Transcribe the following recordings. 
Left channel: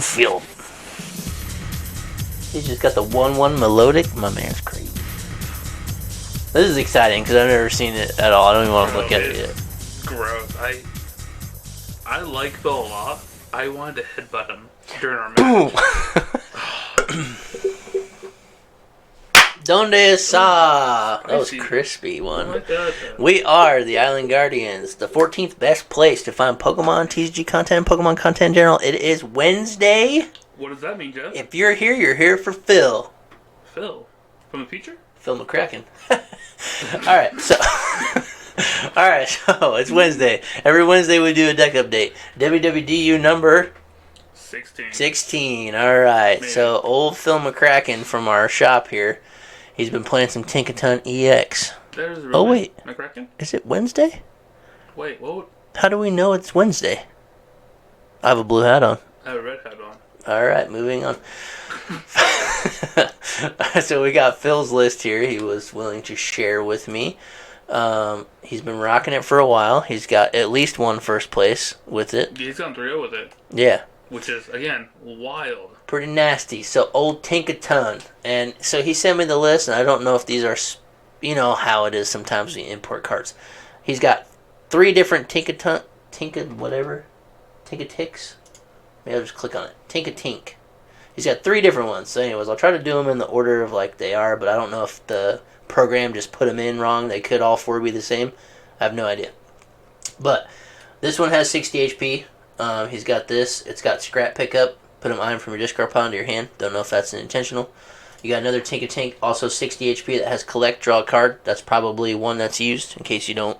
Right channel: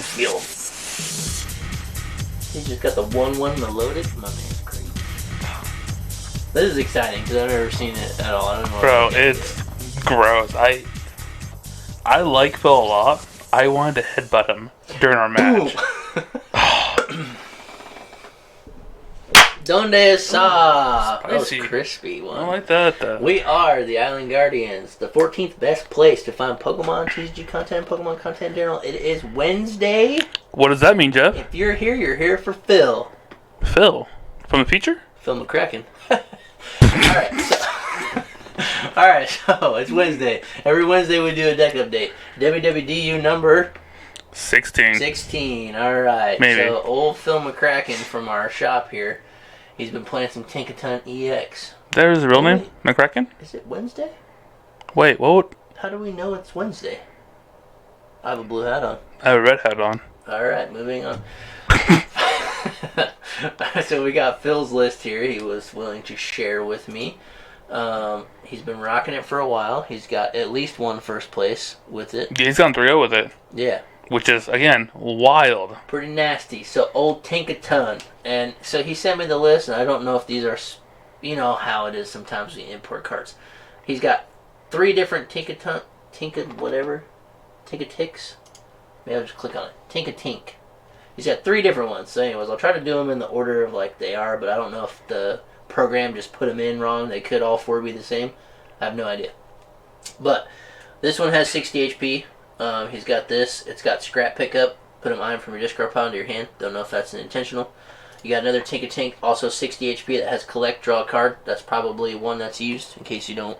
Phil. He just got the 1-1 Milotic. My man's crazy. This is exciting because I've never seen it at all. I don't even want to look at it yet. It's gross. I like Phil a lot. I wanted to headbutt him during our match. Donde está? That was Spicy. crispy one. I like that. We are the Island Guardians, the 14th best place to find Pokemon, TCG content, Pokemon content in general. It is Wednesday. What does that mean, Jeff? If you're here for Phil. Phil? From the feature? Phil McCracken. Alright, so... Alright, so it's Wednesday. Every Wednesday we do a deck update. WWDU number... 16. 16, alright. Maybe. So, old Phil McCracken from our shop here, he's been playing some Tinkaton EX. There's the real name? wait. McCracken? Is it Wednesday? Wait, what? How do we know it's Wednesday? I have a blue hat on. I have a red hat on. Alright, moving on. So we got Phil's list here. He was willing to share with me. He's been rocking it for a while. He's got at least one first place with it. He's gone 3-0 with it. Yeah. Which is, again, wild. Pretty nasty. So, old Tinkaton. And so he sent me the list, and I don't know if these are, you know how it is sometimes we import cards. He's got 3 different Tinkatiks. Maybe I'll just click on it. Tinkatink. He's got 3 different ones. So anyways, I'll try to do them in the order of like they are, but I don't know if the program just put them in wrong. They could all 4 be the same. I have no idea. But this one has 60 HP. He's got this. It's got scrap pickup. Put an item from your discard pile into your hand. Don't know if that's intentional. You got another Tinkatink, also 60 HP, that has collect, draw a card. That's probably one that's used in case you don't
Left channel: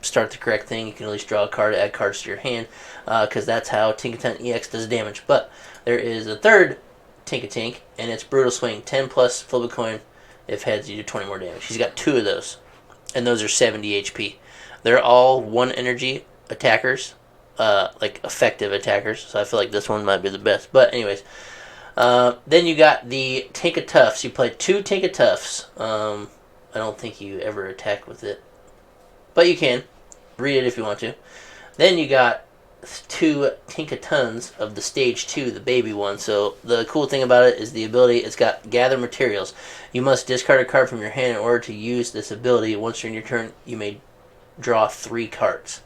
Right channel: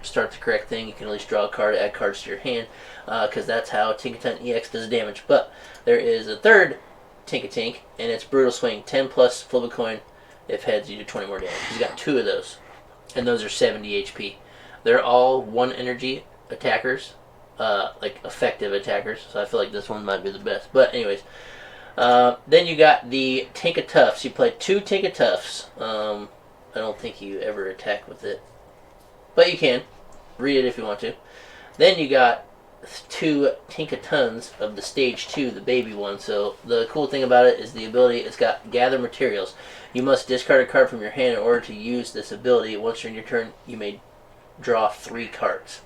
start the correct thing. You can at least draw a card, add cards to your hand, because that's how Tinkaton EX does damage. But there is a third Tinkatink, and it's Brutal Swing, 10 plus, flip a coin. If heads, you do 20 more damage. He's got 2 of those, and those are 70 HP. They're all 1 energy attackers, like effective attackers, so I feel like this one might be the best. But anyways, then you got the Tinkatuffs. You play 2 Tinkatuffs. I don't think you ever attack with it, but you can read it if you want to. Then you got 2 Tinkatons of the stage 2, the baby one. So the cool thing about it is the ability. It's got gather materials. You must discard a card from your hand in order to use this ability. Once you're in your turn, you may draw 3 cards.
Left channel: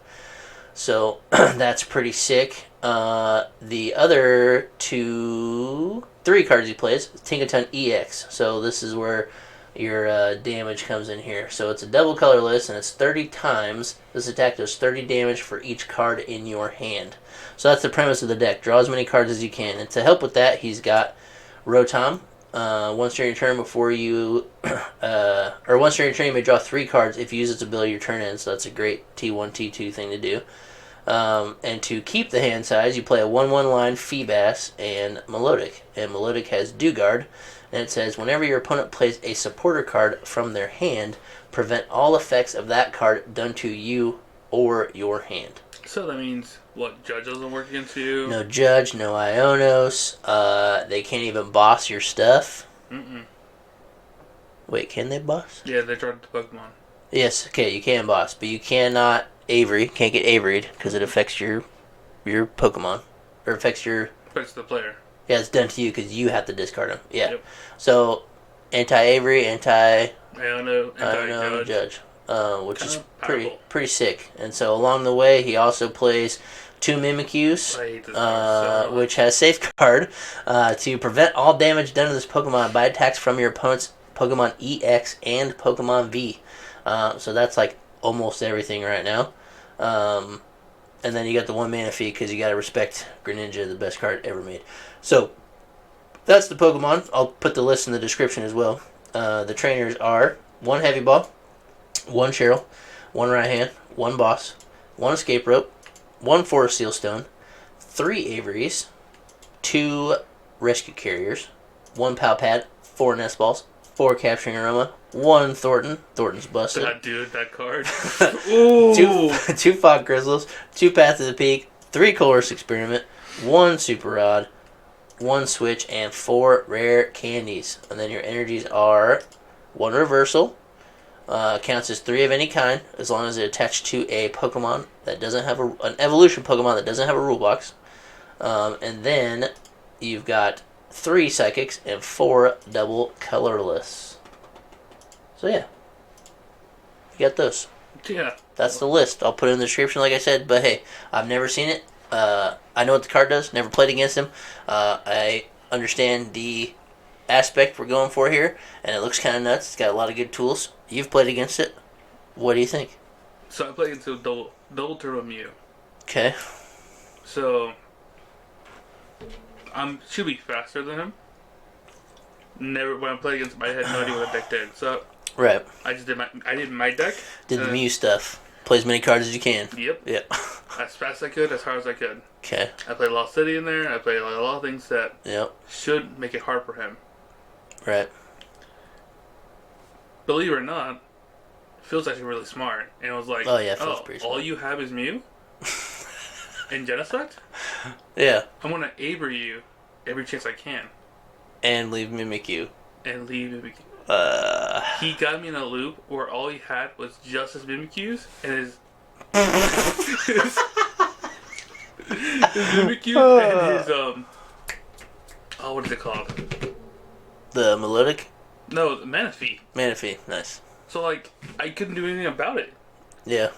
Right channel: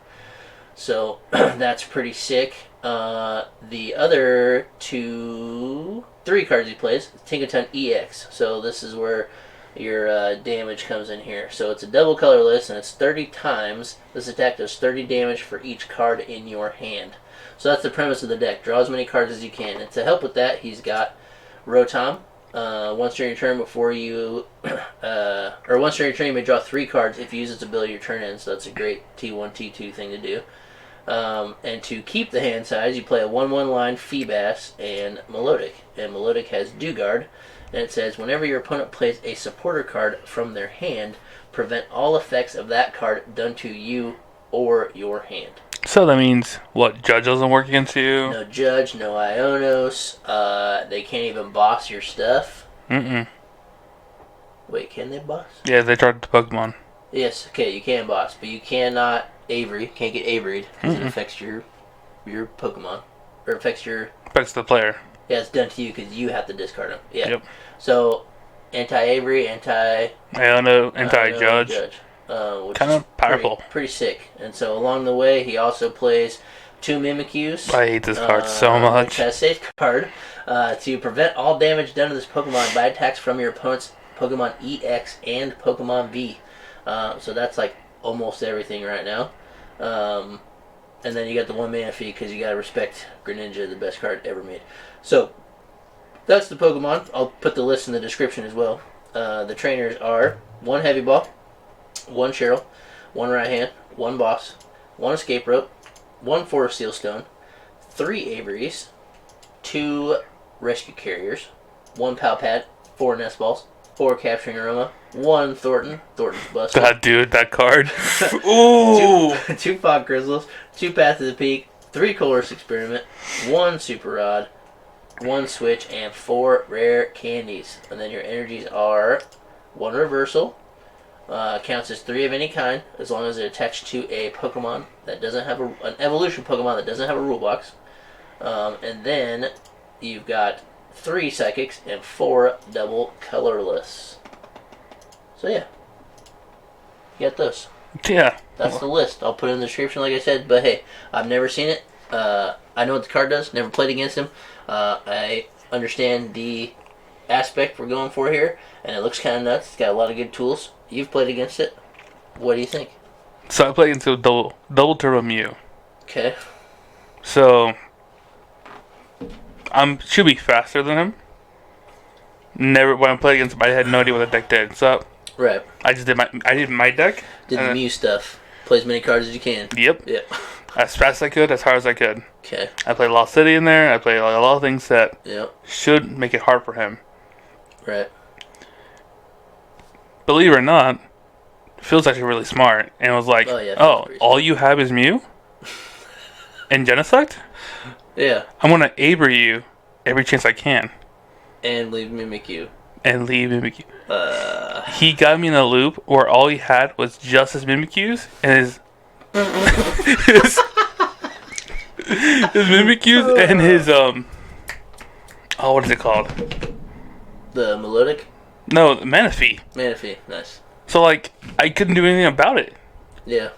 So that's pretty sick. The other 3 cards he plays, Tinkaton EX. So this is where your damage comes in here. So it's a double colorless, and it's 30 times. This attack does 30 damage for each card in your hand. So that's the premise of the deck. Draw as many cards as you can. And to help with that, he's got Rotom. Once during your turn, before you, once during your turn, you may draw 3 cards if you use its ability your turn ends. So that's a great T1, T2 thing to do. And to keep the hand size, you play a 1/1 line Feebas and Milotic. And Milotic has Dewguard, and it says whenever your opponent plays a supporter card from their hand, prevent all effects of that card done to you or your hand. So that means, what, Judge doesn't work against you? No Judge, no Ionos. They can't even boss your stuff. Wait, can they boss? Yeah, they tried to Pokemon. Yes, okay, you can boss, but you cannot Avery. Can't get Avery'd because it affects your Pokemon, or affects your. Affects the player. Yeah, it's done to you because you have to discard them. Yeah. Yep. So, anti-Avery, Iono, anti-Judge. Which kind is of powerful. Pretty sick. And so along the way, he also plays 2 Mimikyus. I hate this card so much. Which has Safeguard to prevent all damage done to this Pokemon by attacks from your opponent's Pokemon EX and Pokemon V. So that's like almost everything right now. And then you got the 1 Manaphy because you got to respect Greninja, the best card ever made. So that's the Pokemon. I'll put the list in the description as well. The trainers are 1 Heavy Ball, 1 Cheryl, 1 Raihan, 1 Boss, 1 Escape Rope, 1 Forest Sealstone, 3 Averys, 2 Rescue Carriers, 1 Pal Pad, 4 Nest Balls, 4 Capturing Aroma, 1 Thornton's Bustle. God, dude, that card. Ooh. 2 Fog Crystals, 2 Path to the Peak, 3 Colress Experiment, 1 Super Rod, 1 Switch, and 4 Rare Candies. And then your energies are 1 Reversal, counts as 3 of any kind, as long as it attached to a Pokemon that doesn't have an evolution Pokemon that doesn't have a rule box. And then you've got 3 psychics and 4 double colorless. So yeah, you got those. Yeah. That's the list. I'll put it in the description, like I said. But hey, I've never seen it. I know what the card does. Never played against him. I understand the aspect we're going for here, and it looks kind of nuts. It's got a lot of good tools. You've played against it. What do you think? So I played into double turbo Mew. Okay. So should be faster than him. Never when I played against him, I had no idea what the deck did. So Right. I just did my deck. Did the Mew stuff. Play as many cards as you can. Yep. Yeah. As fast as I could, as hard as I could. Okay. I played Lost City in there. I played a lot of things that should make it hard for him. Right. Believe it or not, Phil's actually really smart. And was like, all you have is Mew? And Genesect? Yeah. I'm going to Avery you every chance I can. And leave Mimikyu. He got me in a loop where all he had was just his Mimikyus and his Mimikyus and his what is it called? The Milotic? No, Manaphy. Manaphy, nice. So like I couldn't do anything about it. Yeah.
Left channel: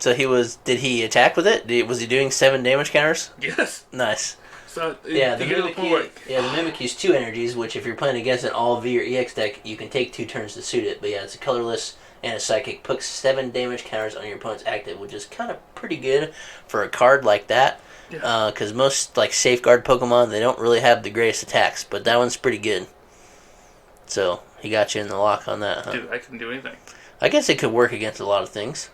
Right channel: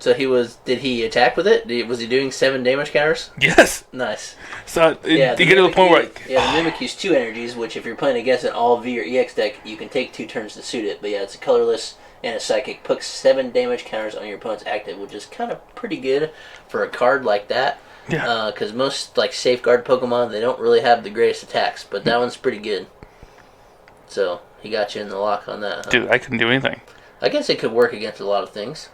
So did he attack with it? Was he doing 7 damage counters? Yes. Nice. So you get to the point where Mimikyu's 2 energies, which if you're playing against an all V or EX deck, you can take 2 turns to suit it. But yeah, it's a colorless and a psychic. Puts 7 damage counters on your opponent's active, which is kind of pretty good for a card like that. Yeah. Because most like safeguard Pokemon, they don't really have the greatest attacks, but that one's pretty good. So he got you in the lock on that. Huh? Dude, I couldn't do anything. I guess it could work against a lot of things.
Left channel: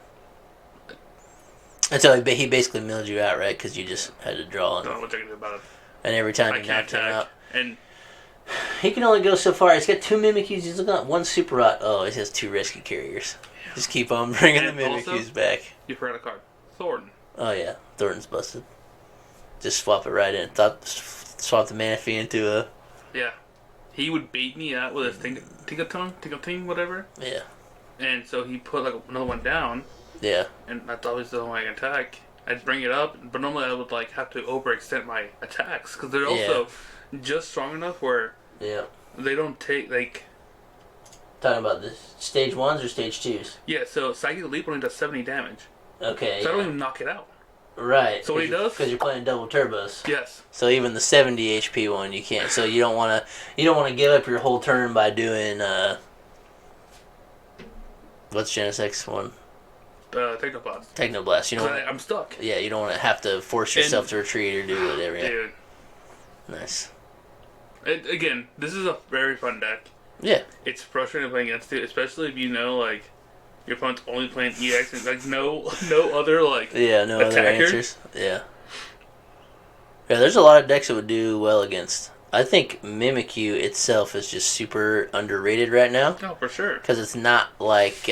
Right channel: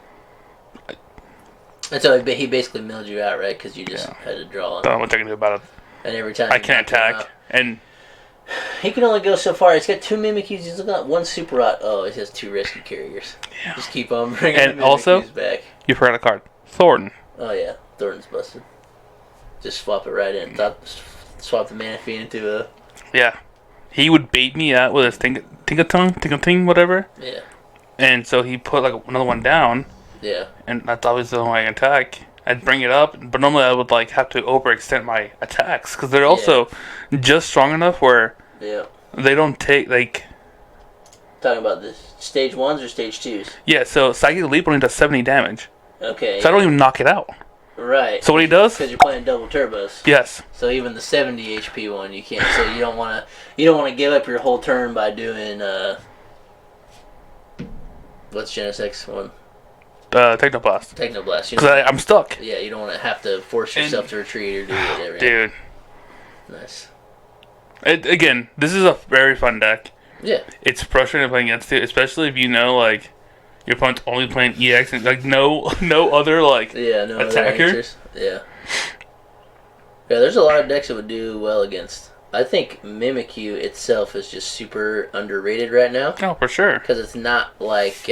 And so he basically milled you out, right? Because you just had to draw. Don't know what I can do about it. And every time I can't attack. And he can only go so far. He's got 2 Mimikyus. He's got 1 Super Rot. Oh, he has 2 Rescue Carriers. Yeah. Just keep on bringing the Mimikyus also, back. You forgot a card. Thorton. Oh, yeah. Thornton's busted. Just swap it right in. Swap the Manaphy into a... Yeah. He would bait me out with his Tinkaton, whatever. Yeah. And so he put like another one down. Yeah. And that's always the only way I can attack. I'd bring it up, but normally I would like have to overextend my attacks because they're also just strong enough where they don't take like. Talking about the stage 1s or stage 2s? Yeah, so Psychic Leap only does 70 damage. Okay. So I don't even knock it out. Right. So what he does? Because you're playing double turbos. Yes. So even the 70 HP one you can't. So you don't want to give up your whole turn by doing what's Genesec's one? Technoblast. Technoblast. Because I'm stuck. Yeah, you don't want to have to force yourself to retreat or do whatever. Dude. Nice. Again, this is a very fun deck. Yeah. It's frustrating playing against it, especially if you know like your opponent's only playing EX and like no other like no attacker. Other answers. Yeah. Yeah, there's a lot of decks that would do well against. I think Mimikyu itself is just super underrated right now. Oh, for sure. Because it's not like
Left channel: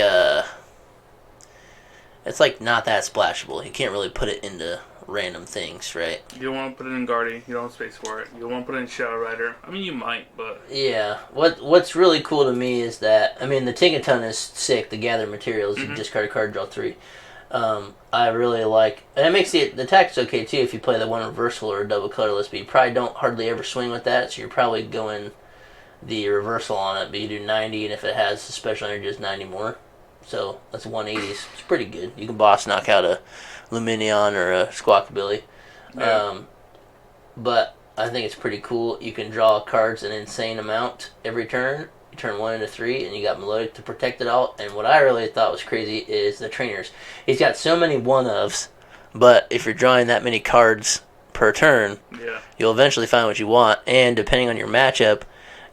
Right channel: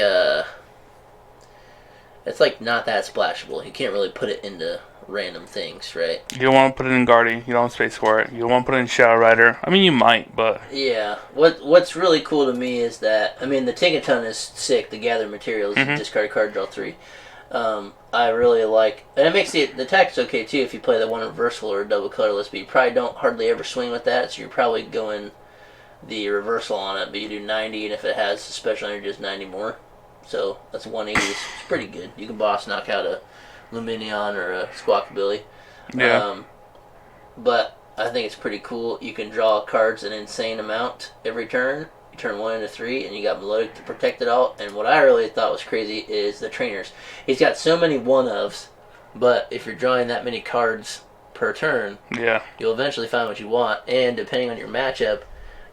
it's like not that splashable. You can't really put it into random things, right? You don't want to put it in Guardian. You don't have space for it. You don't want to put it in Shadow Rider. I mean, you might, but... Yeah. What's really cool to me is that... I mean, the Tinkaton is sick. The gather materials, discard a card, draw 3. I really like... And it makes the attack's okay, too, if you play the one reversal or a double colorless, but you probably don't hardly ever swing with that, so you're probably going the reversal on it, but you do 90, and if it has a special energy, it's 90 more. So that's 180s. It's pretty good. You can boss knock out a Lumineon or a Squawkabilly. Yeah. But I think it's pretty cool. You can draw cards an insane amount every turn. You turn 1 into 3, and you got Milotic to protect it all. And what I really thought was crazy is the trainers. He's got so many one-ofs, but if you're drawing that many cards per turn, you'll eventually find what you want. And depending on your matchup,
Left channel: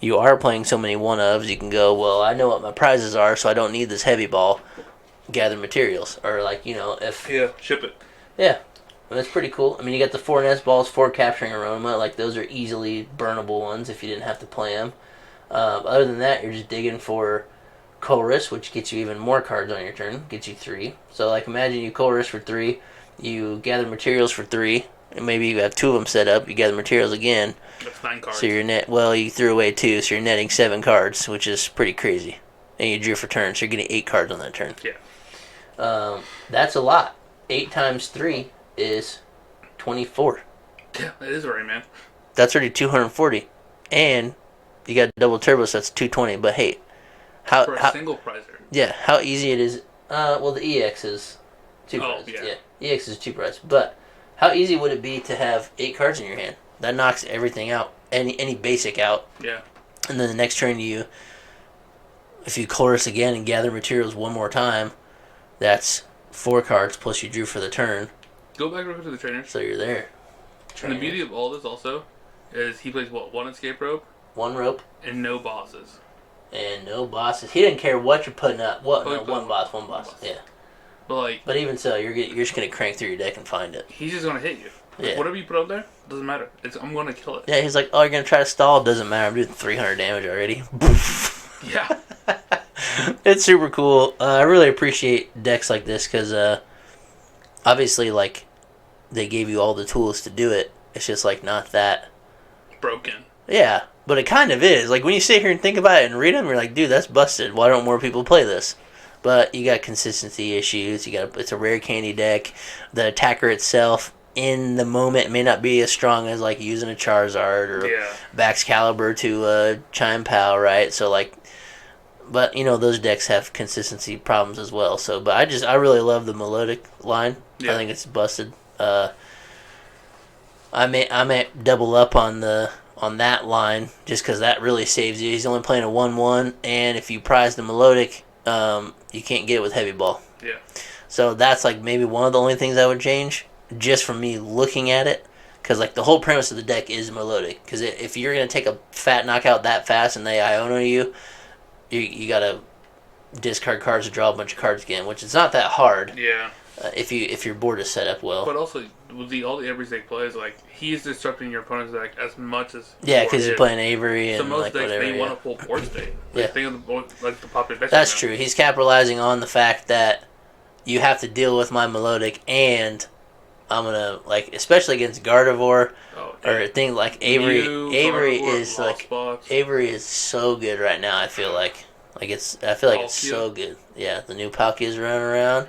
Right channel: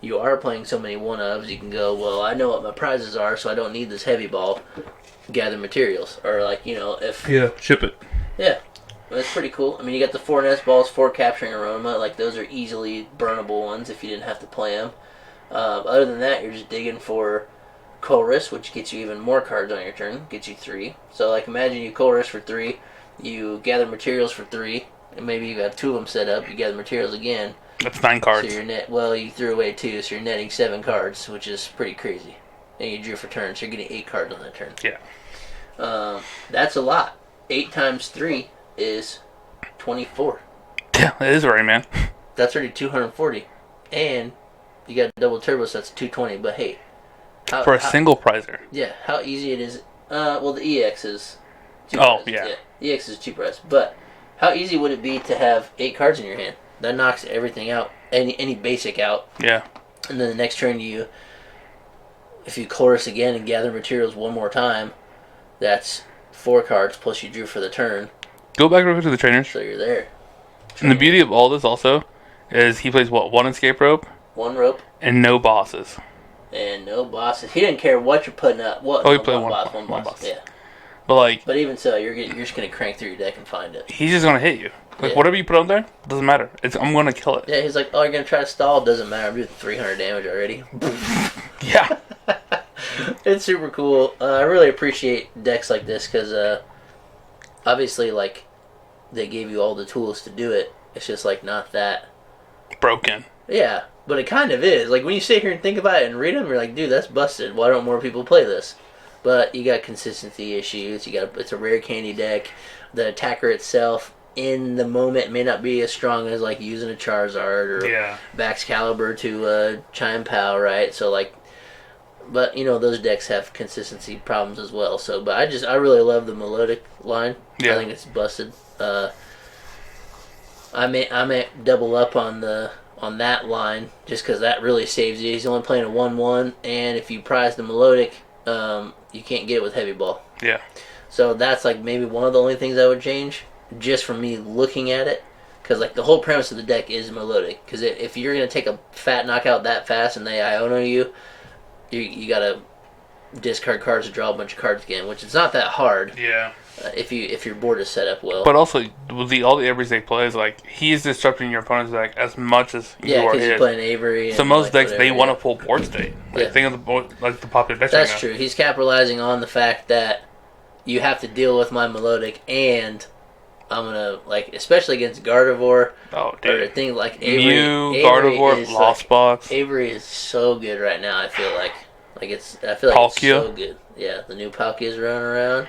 you are playing so many one-ofs, you can go, well, I know what my prizes are, so I don't need this heavy ball. Gather materials. Or, like, you know, if... Yeah, ship it. Yeah. That's pretty cool. I mean, you got the 4 Nest Balls, 4 Capturing Aroma. Like, those are easily burnable ones if you didn't have to play them. Other than that, you're just digging for Colress, which gets you even more cards on your turn. Gets you 3. So, like, imagine you Colress for 3. You gather materials for 3. And maybe you have 2 of them set up. You gather materials again. That's 9 cards. So you're you threw away 2, so you're netting 7 cards, which is pretty crazy. And you drew for turn, so you're getting 8 cards on that turn. Yeah. That's a lot. 8 times 3 is 24. Yeah, it is right, man. That's already 240, and you got double turbo, so that's 220. But hey, For a single prizer. Yeah, how easy it is. Well, the EX is two Oh, prizes. Yeah, EX is two prizes. But how easy would it be to have 8 cards in your hand? That knocks everything out, any basic out. Yeah. And then the next turn if you chorus again and gather materials one more time, that's 4 cards plus you drew for the turn. Go back over to the trainers. So you're there. And the beauty of all this also is he plays what? 1 escape rope? 1 rope. And no bosses. And no bosses. He didn't care what you're putting up. What? Oh, he played one boss. Yeah. But even so, you're just gonna crank through your deck and find it. He's just gonna hit you. Whatever you put on there, doesn't matter. I'm gonna kill it. Yeah, he's like, oh, you're gonna try to stall? Doesn't matter. I'm doing 300 damage already. Yeah. It's super cool. I really appreciate decks like this because obviously, like, they gave you all the tools to do it. It's just like not that broken. Yeah, but it kind of is. Like when you sit here and think about it and read them, you're like, dude, that's busted. Why don't more people play this? But you got consistency issues. It's a rare candy deck. The attacker itself in the moment may not be as strong as like using a Charizard or Baxcalibur to Chime Pal, right? So like, but those decks have consistency problems as well. So, but I really love the Milotic line. I think it's busted. I may double up on that line just because that really saves you. He's only playing a 1/1, and if you prize the Milotic, you can't get it with Heavy Ball. Yeah. So that's like maybe one of the only things I would change, just from me looking at it, because like the whole premise of the deck is Milotic. Because if you're gonna take a fat knockout that fast and they Iono you gotta discard cards to draw a bunch of cards again, which is not that hard. Yeah. If your board is set up well. But also, with all the everyday plays, like, he's disrupting your opponent's deck as much as you are because he's playing Avery. So most decks, they want a full board state. Think of the popular decks. That's true. He's capitalizing on the fact that you have to deal with my Milotic, and I'm gonna, like, especially against Gardevoir or things like Avery. Gardevoir, is Lost Box. Avery is so good right now. I feel like it's so good. Yeah, the new Palkias running around.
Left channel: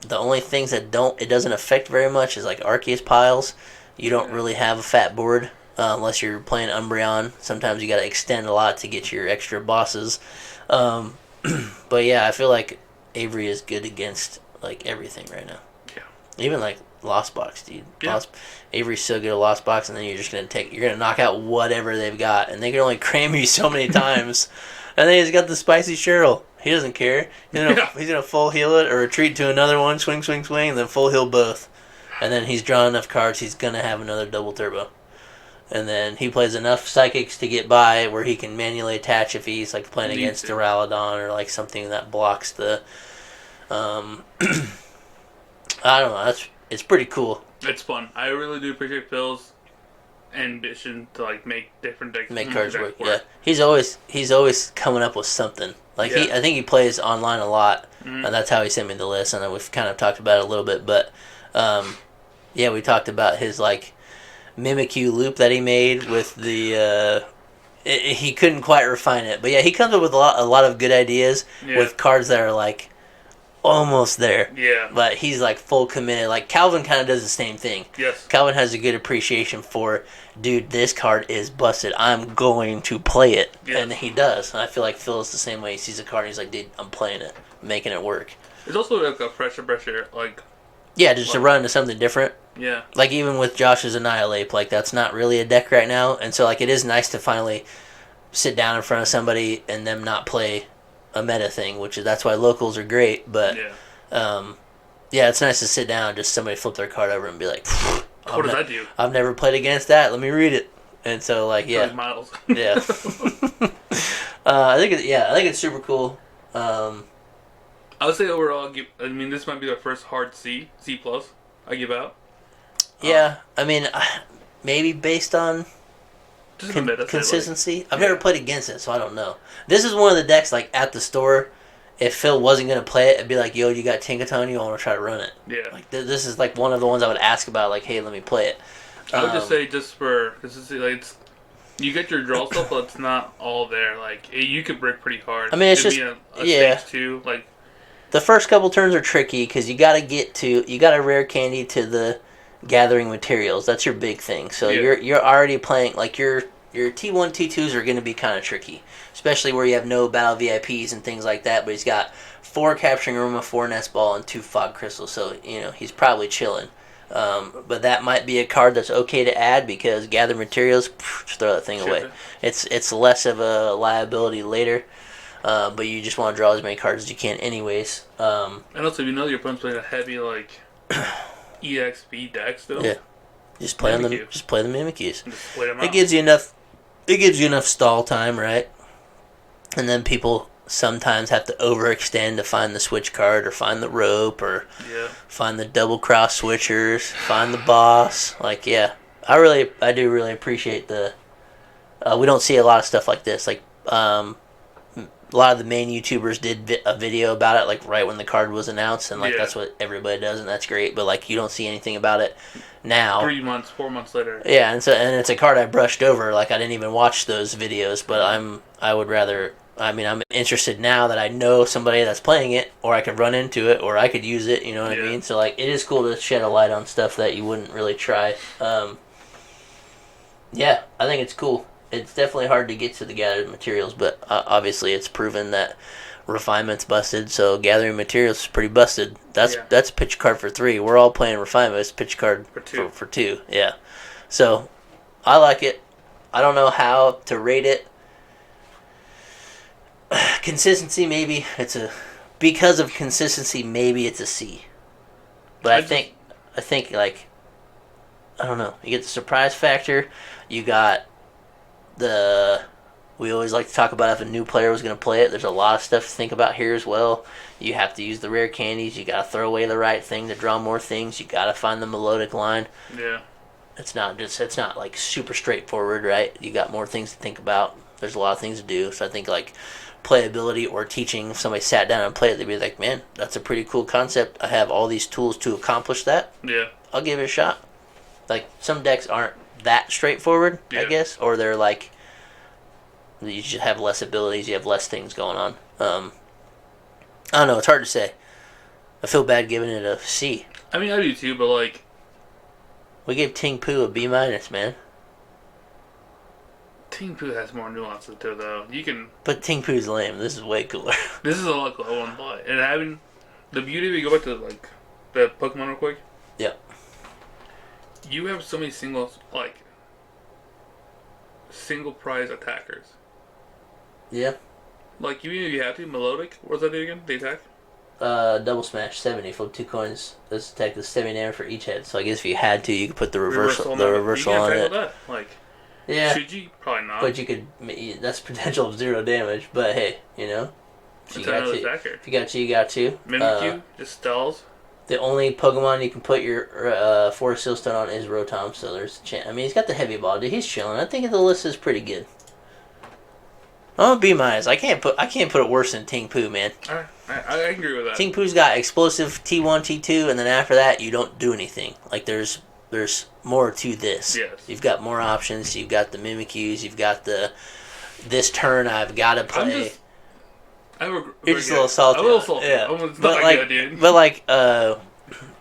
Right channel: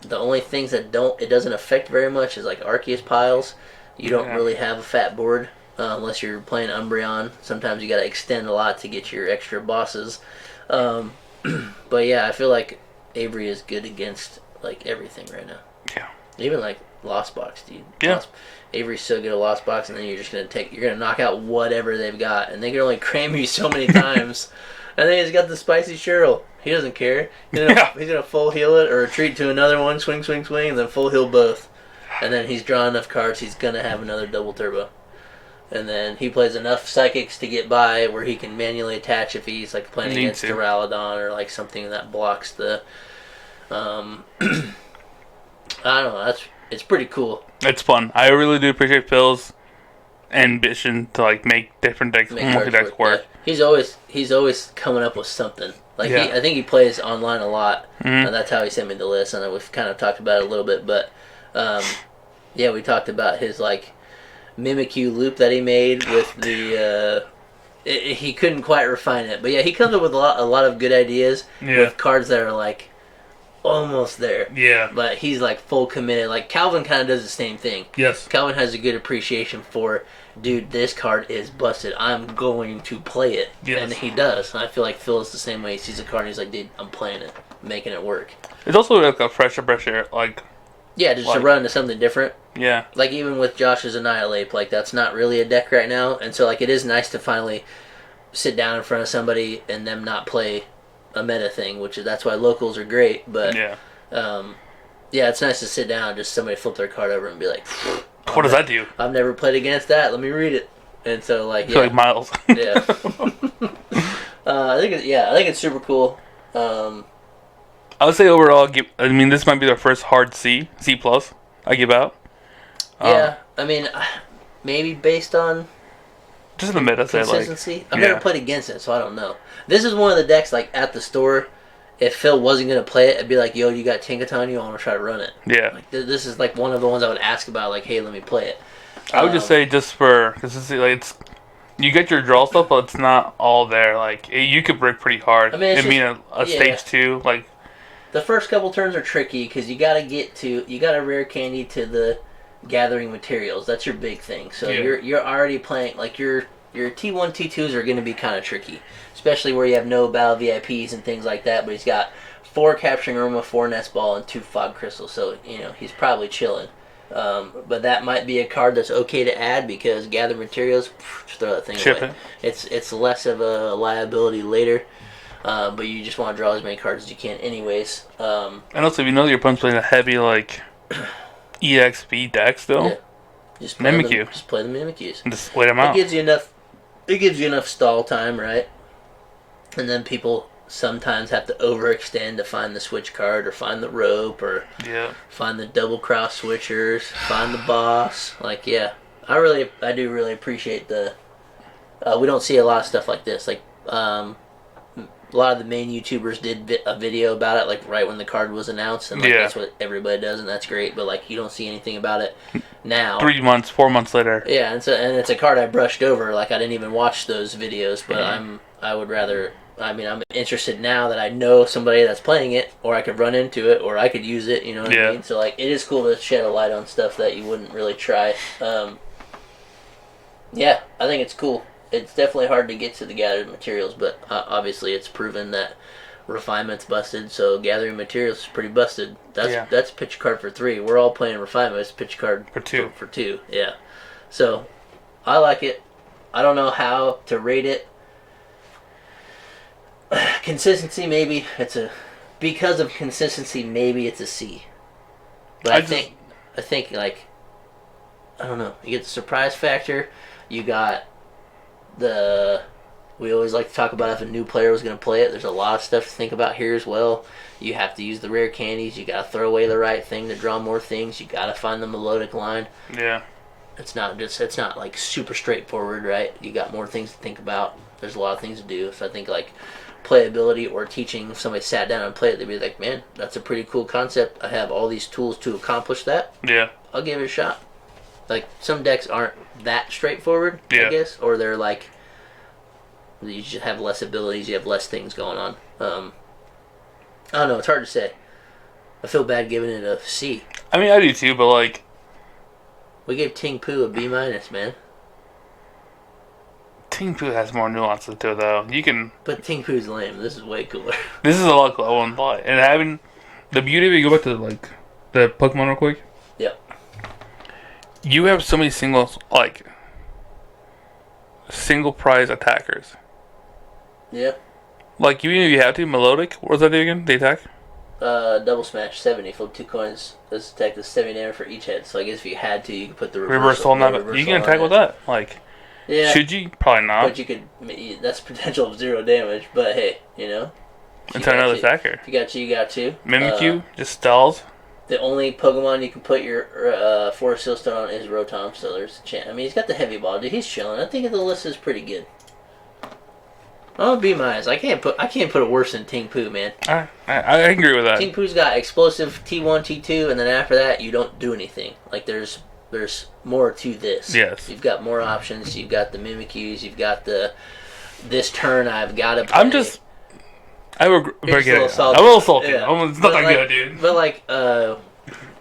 The only things that it doesn't affect very much is like Arceus piles. You don't really have a fat board unless you're playing Umbreon. Sometimes you got to extend a lot to get your extra bosses. But yeah, I feel like Avery is good against like everything right now. Yeah. Even like Lost Box, dude. Yeah. Avery's so good at Lost Box, and then you're gonna knock out whatever they've got, and they can only cram you so many times. And then he's got the spicy Cheryl. He doesn't care. He's gonna full heal it or retreat to another one, swing, and then full heal both. And then he's drawn enough cards, he's gonna have another double turbo. And then he plays enough psychics to get by where he can manually attach if he's like playing against Duraludon or like something that blocks the. I don't know. It's pretty cool. It's fun. I really do appreciate Phil's ambition to like make different decks, work. Yeah. He's always coming up with something. Like I think he plays online a lot, and that's how he sent me the list. And then we've kind of talked about it a little bit, but we talked about his like Mimikyu loop that he made with the. He couldn't quite refine it, but yeah, he comes up with a lot of good ideas with cards that are like almost there. Yeah. But he's like full committed. Like Calvin kind of does the same thing. Yes. Calvin has a good appreciation for, dude, this card is busted. I'm going to play it. Yes. And he does. And I feel like Phil is the same way. He sees a card and he's like, dude, I'm playing it, making it work. It's also like a fresh air, like. Yeah, just to run into something different. Yeah. Like even with Josh's Annihilate, like that's not really a deck right now. And so like it is nice to finally sit down in front of somebody and them not play a meta thing, that's why locals are great. But it's nice to sit down and just somebody flip their card over and be like, what does that do? I've never played against that. Let me read it. And so like like Miles. Yeah. I think it's super cool. I would say overall, this might be their first hard C plus I give out. Maybe based on just the meta consistency. I've never played against it, so I don't know. This is one of the decks like at the store. If Phil wasn't gonna play it, I'd be like, "Yo, you got Tinkaton? You want to try to run it?" Yeah. Like, this is like one of the ones I would ask about. Like, "Hey, let me play it." I would just say because you get your draw stuff, but it's not all there. Like you could break pretty hard. I mean, it's a stage 2. Like the first couple turns are tricky because you got to rare candy to the gathering materials. That's your big thing. So you're already playing like your T1 T2s are going to be kind of tricky, especially where you have no battle VIPs and things like that. But he's got 4 Capturing Aroma, 4 Nest Ball, and 2 Fog Crystal. So he's probably chilling. But that might be a card that's okay to add because gather materials, just throw that thing away. It's less of a liability later. But you just want to draw as many cards as you can anyways. And also, if you know your opponent's playing a heavy, like, EXP deck still, yeah. Just play Mimikyu. Just play the Mimikyus. Just wait them out. It gives you enough stall time, right? And then people sometimes have to overextend to find the switch card or find the rope or find the double cross switchers, find the boss. Like, yeah. I do really appreciate the... we don't see a lot of stuff like this. Like, a lot of the main YouTubers did a video about it, like, right when the card was announced, and, like, that's what everybody does, and that's great, but, like, you don't see anything about it now. 3 months, 4 months later. Yeah, and it's a card I brushed over, like, I didn't even watch those videos, but I'm interested now that I know somebody that's playing it, or I could run into it, or I could use it, you know what I mean? So, like, it is cool to shed a light on stuff that you wouldn't really try. Yeah, I think it's cool. It's definitely hard to get to the gathered materials, but obviously it's proven that refinement's busted, so gathering materials is pretty busted. That's a pitch card for 3. We're all playing refinement. It's a pitch card for 2. For 2, yeah. So, I like it. I don't know how to rate it. Consistency, maybe. Because of consistency, maybe it's a C. But I think, like, I don't know. You get the surprise factor. You got we always like to talk about if a new player was going to play it. There's a lot of stuff to think about here as well. You have to use the rare candies. You got to throw away the right thing to draw more things. You got to find the Milotic line. Yeah. It's not like super straightforward, right? You got more things to think about. There's a lot of things to do. So I think like playability or teaching, if somebody sat down and played it, they'd be like, man, that's a pretty cool concept. I have all these tools to accomplish that. Yeah. I'll give it a shot. Like, some decks aren't that straightforward, I guess, or they're like, you just have less abilities, you have less things going on. I don't know, it's hard to say. I feel bad giving it a C. I mean, I do too, but like, we gave Tingpu a B-, man. Tingpu has more nuances to it, though. But Tingpu's lame. This is way cooler. This is a lot cooler. I won't lie. And having the beauty of it, go back to like the Pokemon real quick. Yeah. You have so many single prize attackers. Yeah. Like, even if you have to, Milotic, what was that do again? The attack? Double smash, 70. Flip 2 coins. This attack does 70 damage for each head. So I guess if you had to, you could put the reversal on that. You can attack with that. Like, yeah. Should you? Probably not. But you could. That's potential of 0 damage. But hey, It's another attacker. If you got you got to. Mimikyu just stalls. The only Pokemon you can put your Forest Seal Stone on is Rotom, so there's a chance. I mean, he's got the heavy ball, dude. He's chilling. I think the list is pretty good. Oh, B-. I can't put it worse than Tingpu, man. I agree with that. Tingpu's got explosive T1, T2, and then after that, you don't do anything. Like, there's more to this. Yes. You've got more options. You've got the Mimikyus. You've got this turn I've got to play. I'm a little salty. Yeah. It's not that good, dude. But like,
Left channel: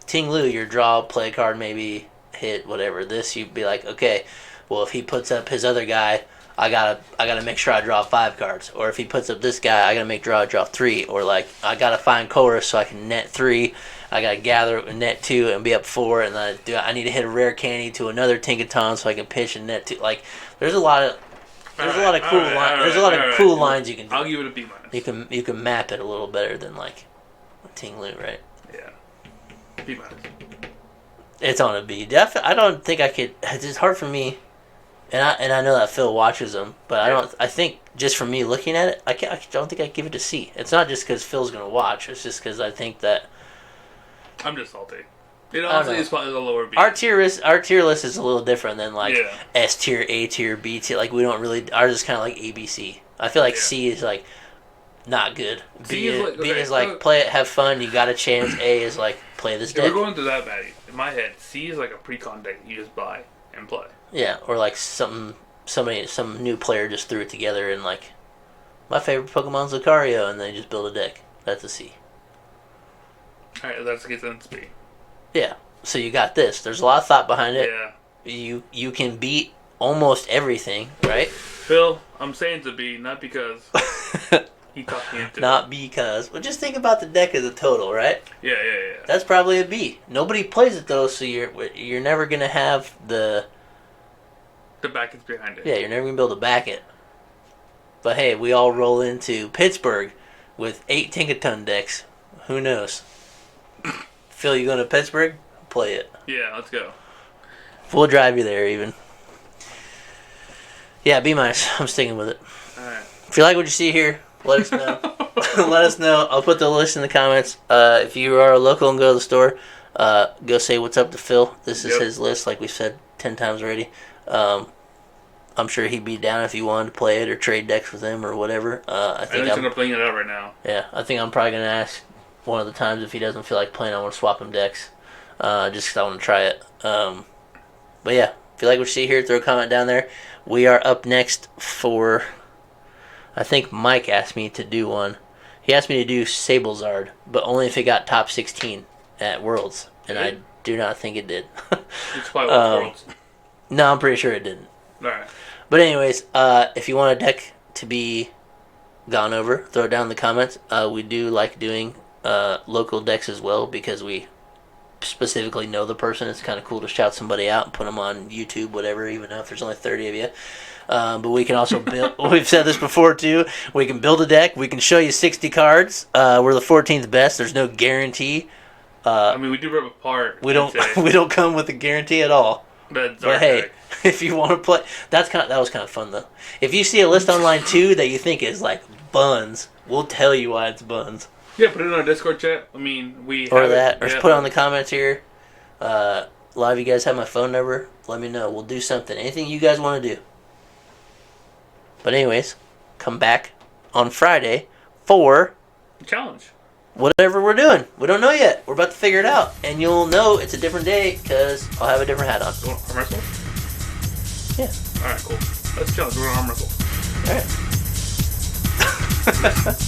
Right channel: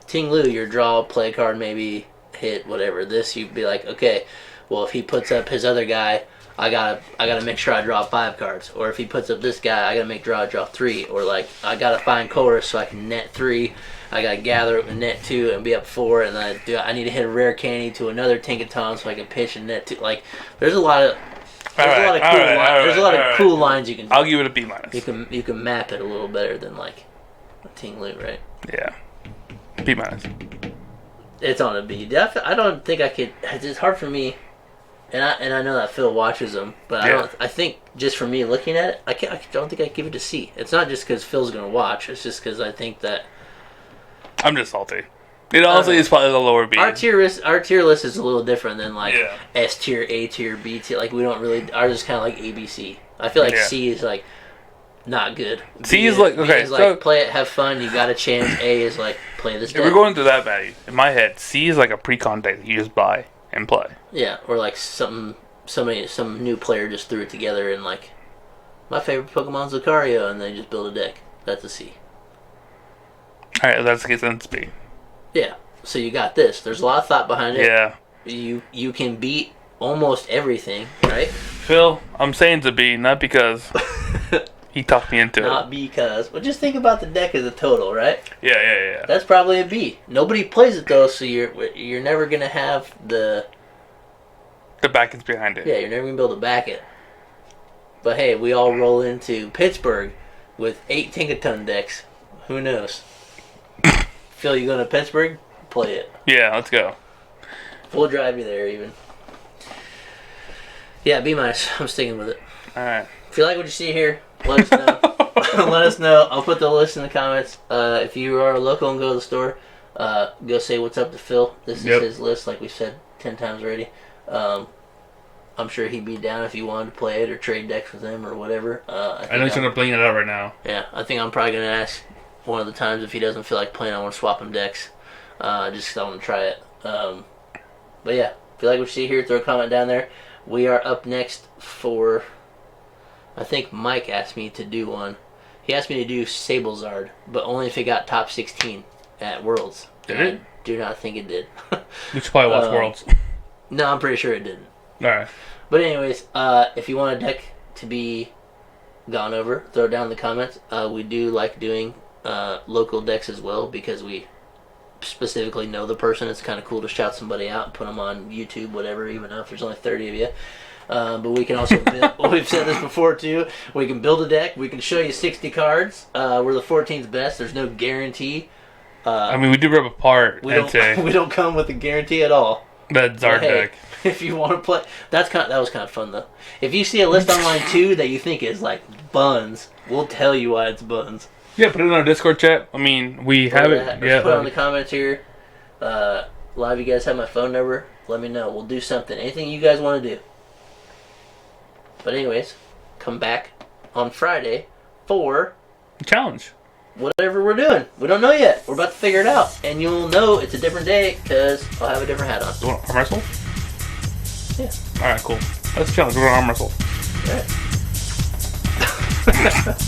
Ting Lu, your draw, play card, maybe hit, whatever. This, you'd be like, okay, well, if he puts up his other guy, I gotta make sure I draw 5 cards. Or if he puts up this guy, I gotta make draw 3. Or like, I gotta find Colress so I can net 3. I gotta gather and net 2 and be up 4. And then I need to hit a rare candy to another Tinkaton so I can pitch and net 2. Like, there's a lot of cool lines you can do. I'll give it a B-. You can map it a little better than like Ting Lu, right? Yeah. B-. It's on a B. I don't think I could. It's hard for me, and I know that Phil watches them, but I think just for me looking at it, I don't think I'd give it a C. It's not just because Phil's gonna watch. It's just because I think that I'm just salty. It honestly is probably the lower B. Our tier list is a little different than like S tier, A tier, B tier. Like, we don't really. Ours is kind of like ABC. I feel like C is like not good. C is like, okay, B is like play it, have fun, you got a chance. A is like play this deck. If we're going to that value, in my head, C is like a pre-con deck that you just buy and play. Yeah, or like some new player just threw it together and like, my favorite Pokemon's Lucario, and they just build a deck. That's a C. Alright, that's the case, then it's B. Yeah. So you got this. There's a lot of thought behind it. Yeah. You can beat almost everything, right? Phil, I'm saying it's a B, not because he talked me into it. Not because. Well, just think about the deck as a total, right? Yeah. That's probably a B. Nobody plays it though, so you're never gonna have the backings behind it. Yeah, you're never gonna be able to back it. But hey, we all roll into Pittsburgh with 8 Tinkaton decks. Who knows? Phil, you going to Pittsburgh? Play it. Yeah, let's go. We'll drive you there even. Yeah, B-. I'm sticking with it. Alright. If you like what you see here, let us know. Let us know. I'll put the list in the comments. If you are local and go to the store, go say what's up to Phil. This is his list, like we said 10 times already. I'm sure he'd be down if you wanted to play it or trade decks with him or whatever. I know he's going to bling it out right now. Yeah, I think I'm probably going to ask one of the times if he doesn't feel like playing, I want to swap him decks. Just because I want to try it. But yeah, if you like what you see here, throw a comment down there. We are up next for... I think Mike asked me to do one. He asked me to do Sablezard, but only if it got top 16 at Worlds. And I do not think it did. Which probably was Worlds. No, I'm pretty sure it didn't. Alright. But anyways, if you want a deck to be gone over, throw it down in the comments. We do like doing local decks as well because we specifically know the person. It's kind of cool to shout somebody out and put them on YouTube, whatever, even though if there's only 30 of you. But we can also build, we've said this before too, we can build a deck, we can show you 60 cards. We're the 14th best, there's no guarantee. I mean, we do rip apart. We don't come with a guarantee at all. That's our deck. If you want to play, that was kind of fun though. If you see a list online too that you think is like buns, we'll tell you why it's buns. Yeah, put it in our Discord chat. I mean, we have that. it. Or just put it on the comments here. A lot of you guys have my phone number. Let me know. We'll do something. Anything you guys want to do. But anyways, come back on Friday for challenge. Whatever we're doing. We don't know yet. We're about to figure it out. And you'll know it's a different day because I'll have a different hat on. You want arm wrestle? Yeah. Alright, cool. Let's challenge. We're going to arm wrestle. Alright.